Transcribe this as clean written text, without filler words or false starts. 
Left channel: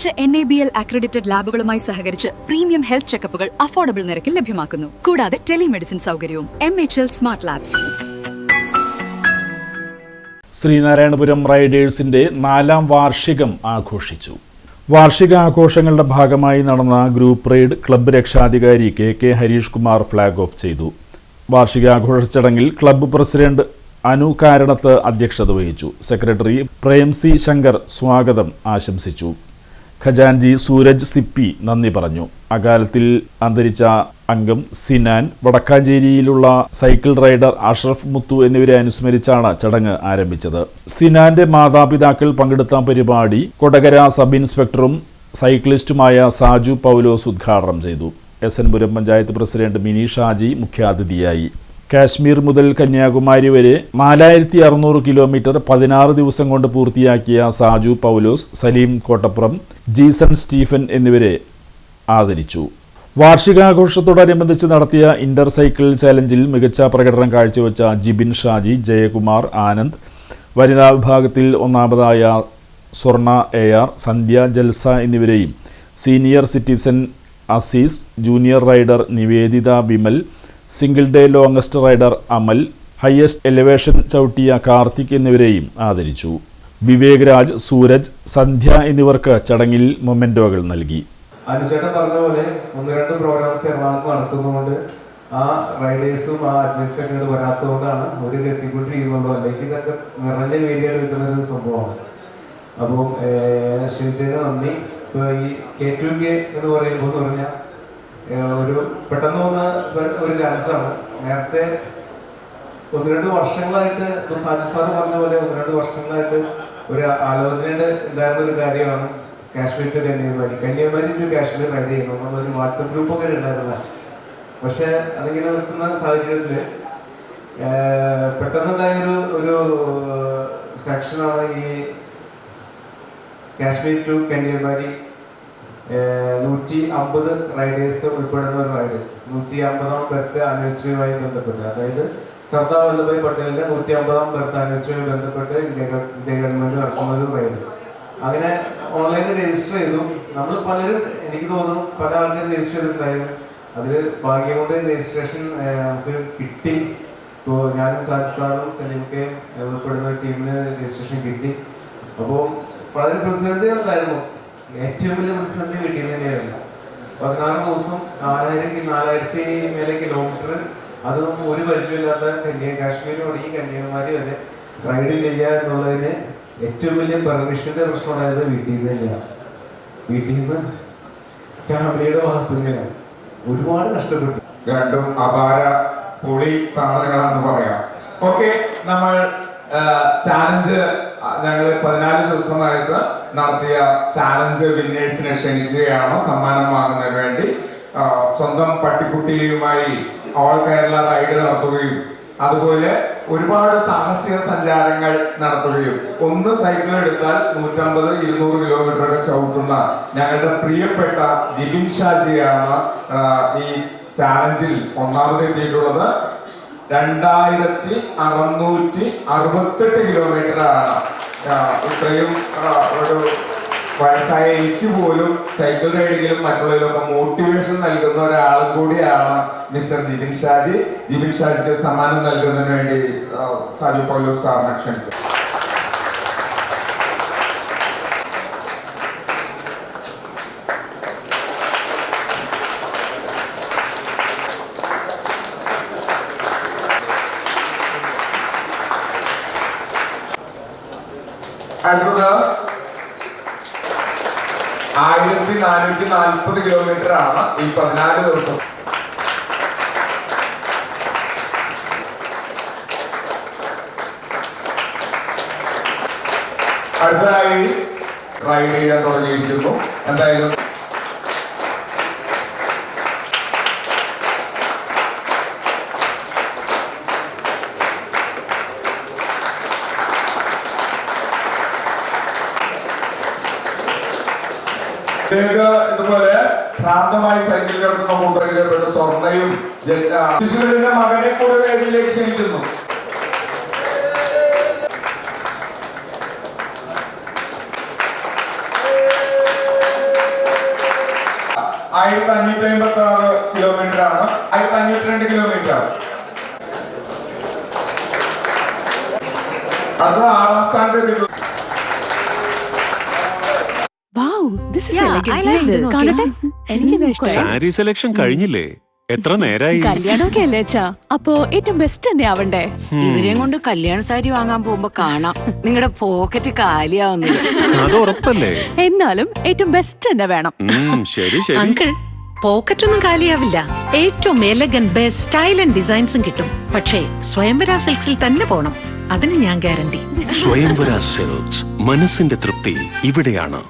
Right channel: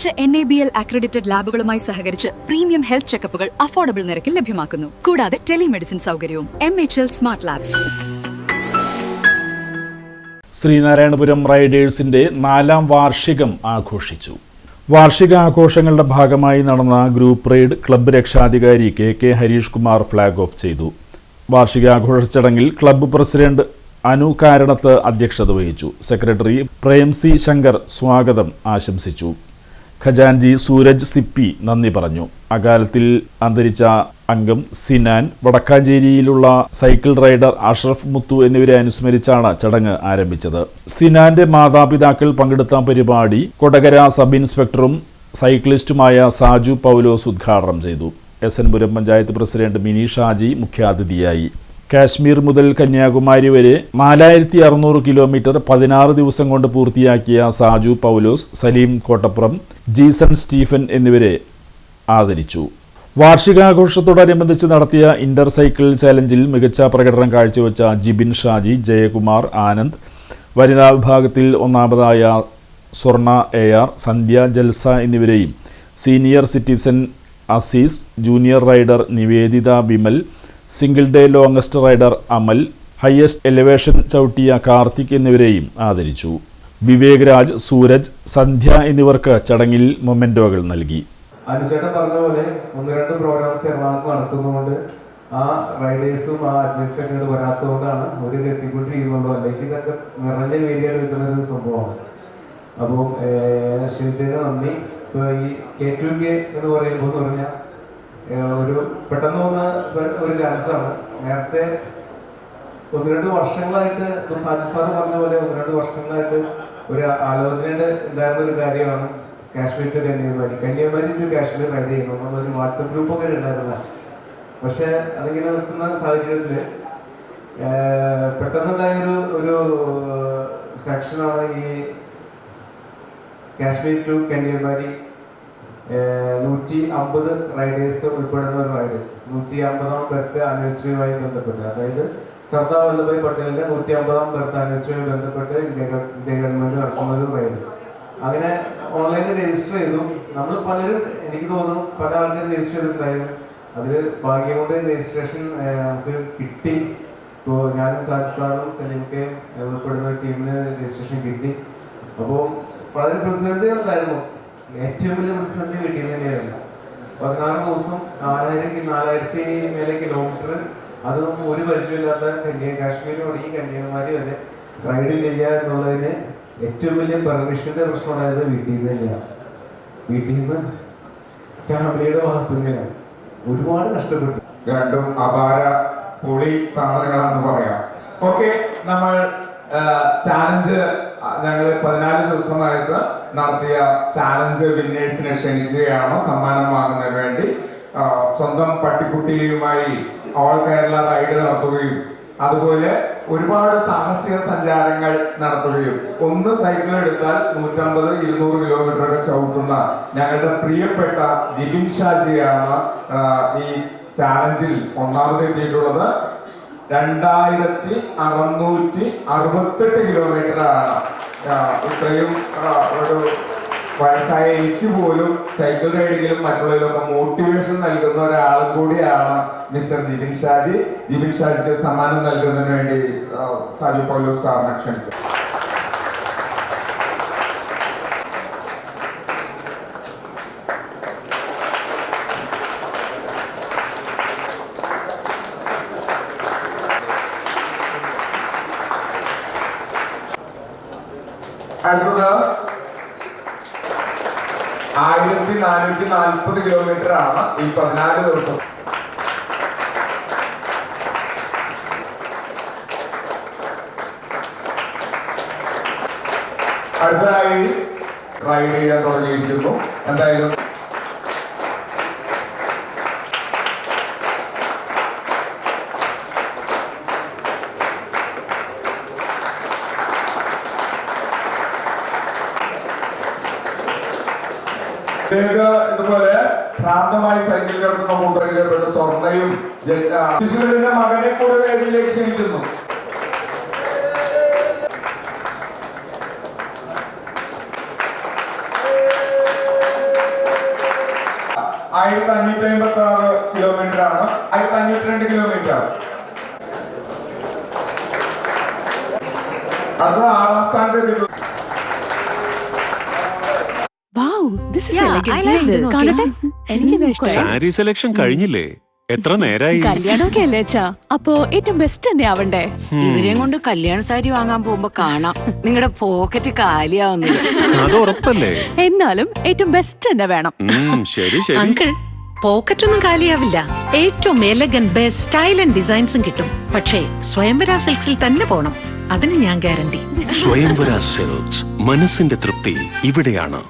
മികച്ച NABL accredited ലാബുകളുമായി സഹകരിച്ച് premium health ചെക്കപ്പുകൾ affordable നിരക്കിൽ ലഭ്യമാക്കുന്നു. കൂടാതെ ടെലിമെഡിസിൻ സൗകര്യവും. MHL smart labs. ശ്രീനാരായണപുരം റൈഡേഴ്സിന്റെ 4ാം വാർഷികം ആഘോഷിച്ചു. വാർഷിക ആഘോഷങ്ങളുടെ ഭാഗമായി നടന്ന ഗ്രൂപ്പ് റൈഡ് ക്ലബ്ബ് രക്ഷാധികാരി KK Harish Kumar flag off ചെയ്തു. വാർഷികാഘോഷ ചടങ്ങിൽ ക്ലബ്ബ് പ്രസിഡന്റ് അനു കാരണത്ത് അധ്യക്ഷത വഹിച്ചു. സെക്രട്ടറി പ്രേംസി ശങ്കർ സ്വാഗതം ആശംസിച്ചു. ഖജാൻജി സൂരജ് സിപ്പി നന്ദി പറഞ്ഞു. അകാലത്തിൽ അന്തരിച്ച അംഗം സിനാൻ, വടക്കാഞ്ചേരിയിലുള്ള സൈക്കിൾ റൈഡർ അഷ്റഫ് മുത്തു എന്നിവരെ അനുസ്മരിച്ചാണ് ചടങ്ങ് ആരംഭിച്ചത്. സിനാന്റെ മാതാപിതാക്കൾ പങ്കെടുത്ത പരിപാടി കൊടകര സബ് ഇൻസ്പെക്ടറും സൈക്ലിസ്റ്റുമായ സാജു പൗലോസ് ഉദ്ഘാടനം ചെയ്തു. SN പുരം പഞ്ചായത്ത് പ്രസിഡന്റ് മിനി ഷാജി മുഖ്യാതിഥിയായി. കാശ്മീർ മുതൽ കന്യാകുമാരി വരെ 4600 കിലോമീറ്റർ 16 ദിവസം കൊണ്ട് പൂർത്തിയാക്കിയ സാജു പൗലോസ്, സലീം കോട്ടപ്പുറം, ജീസൺ സ്റ്റീഫൻ എന്നിവരെ ആദരിച്ചു. വാർഷികാഘോഷത്തോടനുബന്ധിച്ച് നടത്തിയ ഇന്റർ സൈക്കിൾ ചാലഞ്ചിൽ മികച്ച പ്രകടനം കാഴ്ചവെച്ച ജിബിൻ ഷാജി, ജയകുമാർ, ആനന്ദ്, വനിതാ വിഭാഗത്തിൽ ഒന്നാമതായ സ്വർണ AR, സന്ധ്യ ജൽസ എന്നിവരെയും senior citizen Aziz, junior rider Niveditha Vimal, single day longest rider Amal, highest elevation ചവിട്ടിയ കാർത്തിക് എന്നിവരെയും ആദരിച്ചു. വിവേക് രാജ്, സൂരജ്, സന്ധ്യ എന്നിവർക്ക് ചടങ്ങിൽ മൊമെന്റോകൾ നൽകി. അനുചേട്ടൻ പറഞ്ഞ പോലെ 1-2 പ്രോഗ്രാംസ് എറണാകുളത്ത് നടക്കുന്നതുകൊണ്ട് ആ റൈഡേഴ്സും ആ അഡ്വൈസൊക്കെ വരാത്തതുകൊണ്ടാണ് ഒരു എത്തിക്കൊണ്ടിരിക്കുന്നുള്ളൂ. അല്ലെങ്കിൽ ഇതൊക്കെ നിറഞ്ഞ വേദിയായിട്ട് നിൽക്കുന്നൊരു സംഭവമാണ്. അപ്പോൾ ക്ഷണിച്ചതിന് നന്ദി. ഇപ്പോൾ ഈ K2K എന്ന് പറയുമ്പോൾ എന്ന് പറഞ്ഞാൽ ഒരു പെട്ടെന്ന് വന്ന ഒരു ചാൻസാണ്. നേരത്തെ 1-2 വർഷങ്ങളായിട്ട് ഇപ്പോൾ സാജു സാറ് പറഞ്ഞ പോലെ 1-2 വർഷങ്ങളായിട്ട് ഒരു ആലോചന ഉണ്ടായിരുന്ന ഒരു കാര്യമാണ് Kashmir to Kanyakumari to Kashmir ride ചെയ്യുന്നത്. നമ്മളൊരു വാട്സപ്പ് ഗ്രൂപ്പൊക്കെ ഉണ്ടായിരുന്ന, പക്ഷെ അതിങ്ങനെ നിൽക്കുന്ന സാഹചര്യത്തിൽ പെട്ടെന്നുണ്ടായ ഒരു സെക്ഷനാണ് ഈ കാശ്മീർ ടു കന്യാകുമാരി 150 റൈഡേഴ്സ് ഉൾപ്പെടുന്ന ഒരു റൈഡ്. 150ാം ബർത്ത് ആനിവേഴ്സറിയുമായി ബന്ധപ്പെട്ട്, അതായത് സർദാർ വല്ലഭായ് പട്ടേലിന്റെ 150ാം ബർത്ത് ആനിവേഴ്സറിയുമായി ബന്ധപ്പെട്ട് ഇന്ത്യ ഗവൺമെന്റ് നടത്തുന്ന ഒരു റൈഡ്. അങ്ങനെ ഓൺലൈനിൽ രജിസ്റ്റർ ചെയ്തു. നമ്മൾ പലരും, എനിക്ക് തോന്നുന്നു പല ആൾക്കാരും രജിസ്റ്റർ ചെയ്തിട്ടുണ്ടായിരുന്നു. അതിൽ ഭാഗ്യം കൊണ്ട് രജിസ്ട്രേഷൻ നമുക്ക് കിട്ടി. ഇപ്പോൾ ഞാനും സാജി സാറും സലീമൊക്കെ ഉൾപ്പെടുന്ന ടീമിന് രജിസ്ട്രേഷൻ കിട്ടി. അപ്പോൾ വളരെ പ്രതിസന്ധികളുണ്ടായിരുന്നു. ഏറ്റവും വലിയ പ്രതിസന്ധി കിട്ടിയത് തന്നെയായിരുന്നു. 16 ദിവസം 4000 മേലെ കിലോമീറ്റർ, അതൊന്നും ഒരു പരിചയമില്ലാത്ത കാശ്മീർ തുടങ്ങി കന്യാകുമാരി വരെ റൈഡ് ചെയ്യുക എന്നുള്ളതിന് ഏറ്റവും വലിയ പെർമിഷന്റെ പ്രശ്നമുണ്ടായത് വീട്ടിൽ നിന്ന് തന്നെയാണ്. വീട്ടിൽ നിന്ന്, ഫാമിലിയുടെ ഭാഗത്തു നിന്നാണ്. ഒരുപാട് കഷ്ടപ്പെട്ടു. രണ്ടും അപാര പൊളി സാധനങ്ങളാണെന്ന് പറയാം. ഓക്കെ, നമ്മൾ ചാലഞ്ച് ഞങ്ങൾ 14 ദിവസമായിട്ട് നടത്തിയ ചാലഞ്ച് വിന്നേഴ്സിനെ ക്ഷണിക്കുകയാണ്. സമ്മാനം വാങ്ങുന്നതിന് വേണ്ടി സ്വന്തം പട്ടിക്കുട്ടിയുമായി ഓൾ കേരള റൈഡ് നടത്തുകയും അതുപോലെ ഒരുപാട് സാഹസിക സഞ്ചാരങ്ങൾ നടത്തുകയും, ഒന്ന് സൈക്കിൾ എടുത്താൽ 150-200 കിലോമീറ്ററൊക്കെ ചവിട്ടുന്ന ഞങ്ങളുടെ പ്രിയപ്പെട്ട ജിബിൻ ഷാജിയാണ് ഈ ചാലഞ്ചിൽ ഒന്നാമതെത്തിയിട്ടുള്ളത്. 2668 കിലോമീറ്ററാണ്. ഇത്രയും ഒരു വയസ്സായ എനിക്ക് പോലും സൈക്കിൾ റൈഡിങ്ങിലും മറ്റുള്ളതിലൊക്കെ മോട്ടിവേഷൻ നൽകുന്ന ഒരാളും കൂടിയാണ് മിസ്റ്റർ ജിബിൻ ഷാജി. ജിബിൻ ഷാജിക്ക് സമ്മാനം നൽകുന്നതിന് വേണ്ടി സാജു പൗലോസ് സാറിനെ ക്ഷണിക്കും. അടുത്തത് 1440 കിലോമീറ്റർ ആണ് ഈ 14 ദിവസം. അടുത്തതായി റൈഡ് ചെയ്യാൻ തുടങ്ങിയിരിക്കുന്നു. എന്തായാലും ഇതുപോലെ ഭ്രാന്തമായി സൈക്കിൾ കിടക്കുന്ന കൂട്ടറിൽപ്പെട്ട സ്വർണ്ണയും മകനെ കൂടെ വേദിയിലേക്ക് ക്ഷണിക്കുന്നു. 1556 കിലോമീറ്റർ ആണ്. 1502 കിലോമീറ്റർ. അത് 6ാം സ്ഥാനത്ത്. സാരി സെലക്ഷൻ കഴിഞ്ഞില്ലേ? എത്ര നേരായി? കല്യാണമൊക്കെ അല്ലേ അച്ഛാ, അപ്പോ ഏറ്റവും ബെസ്റ്റ് തന്നെ ആവണ്ടേ? ഇവരെയും കൊണ്ട് കല്യാണ സാരി വാങ്ങാൻ പോകുമ്പോ കാണാം നിങ്ങളുടെ പോക്കറ്റ് കാലിയാവുന്നത്. അത് ഉറപ്പല്ലേ? എന്നാലും ഏറ്റവും ബെസ്റ്റ് തന്നെ വേണം. ശരി ശരി. അങ്കിൾ, പോക്കറ്റ് ഒന്നും കാലിയാവില്ല. ഏറ്റവും എലഗൻ ബെസ്റ്റ് സ്റ്റൈൽ ആൻഡ് ഡിസൈൻസും കിട്ടും. പക്ഷേ സ്വയംവര സിൽക്സിൽ തന്നെ പോണം, അതിന് ഞാൻ ഗ്യാരണ്ടി. സ്വയംവര സിൽക്സ്, മനസ്സിന്റെ തൃപ്തി ഇവിടെയാണ്.